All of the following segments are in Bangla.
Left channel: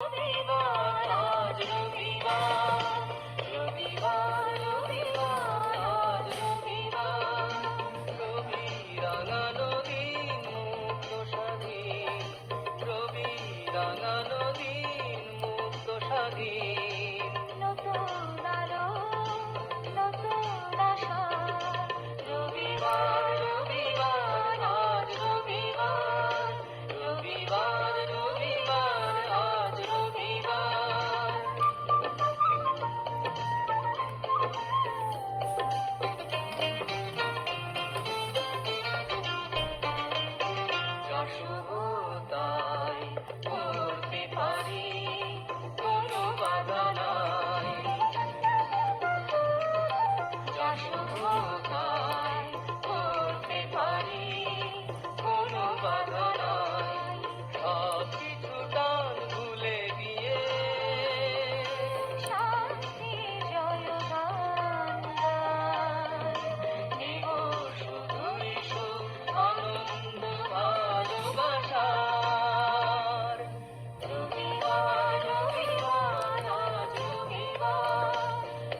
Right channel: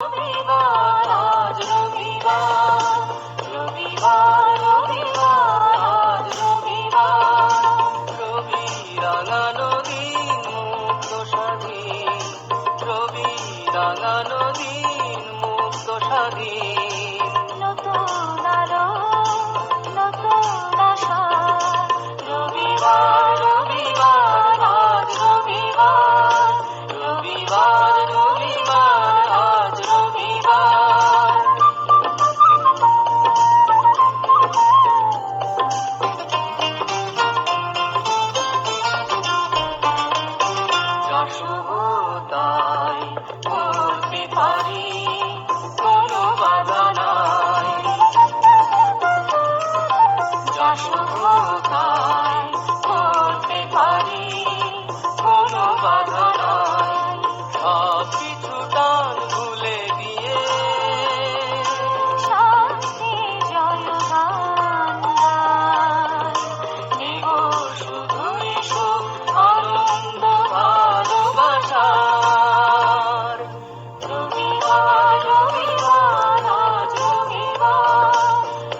রবিবার আজ রবিবার, রবিবার রবিবার আজ রবিবার, রবি রাঙানো দিন মুক্ত স্বাধীন, রবি রাঙানো দিন মুক্ত স্বাধীন। নতুন আলো নতুন আশা, রবিবার রবিবার আজ রবিবার, রবিবার রবিবার আজ রবিবার। যা শুভতাই করতে পারি, কোনো বাধা নাই। যা শুভতাই করতে পারি, কোনো বাধা নাই। সব কিছু টান ভুলে দিয়ে শান্তি জয়গান গাই। নেব শুধুই সুখ আনন্দ ভালোবাসার। রবিবার রবিবার আজ রবিবার,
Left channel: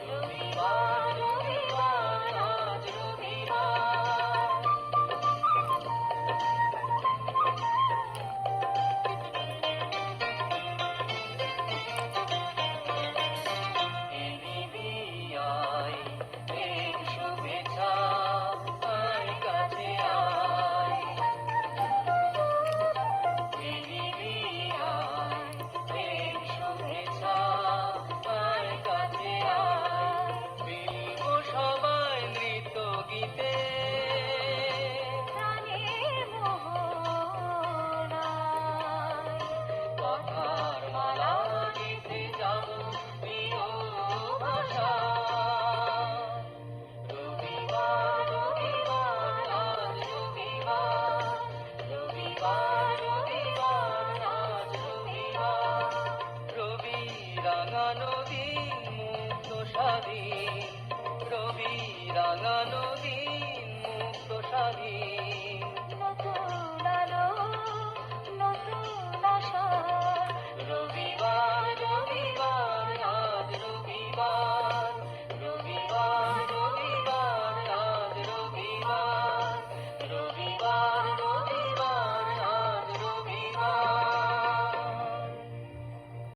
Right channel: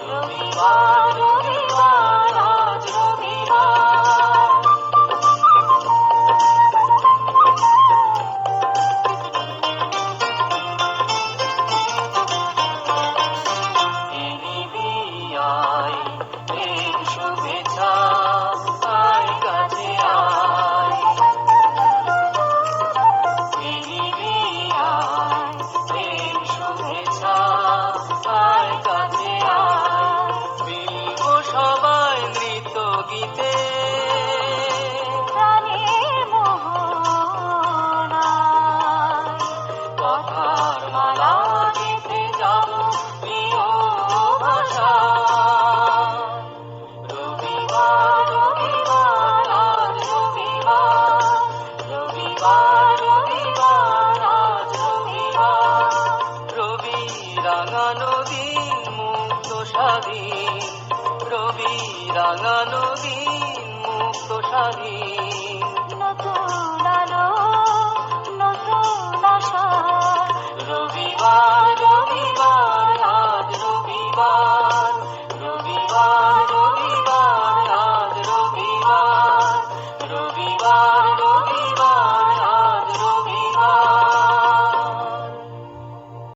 রবিবার রবিবার আজ রবিবার। আয় এর শুভেচ্ছা, আয় কাছে আয়। আয় এর শুভেচ্ছা, আয় কাছে আয়। মিলব সবাই নৃত্য গীতে, প্রাণের মোহনায়। কথার মালা গেঁথে যাব প্রিয় ভাষা। রবিবার রবিবার আজ রবিবার, রবিবার রবিবার আজ রবিবার, রবি রাঙানো দিন মুক্ত স্বাধীন, রবি রাঙানো দিন মুক্ত স্বাধীন। নতুন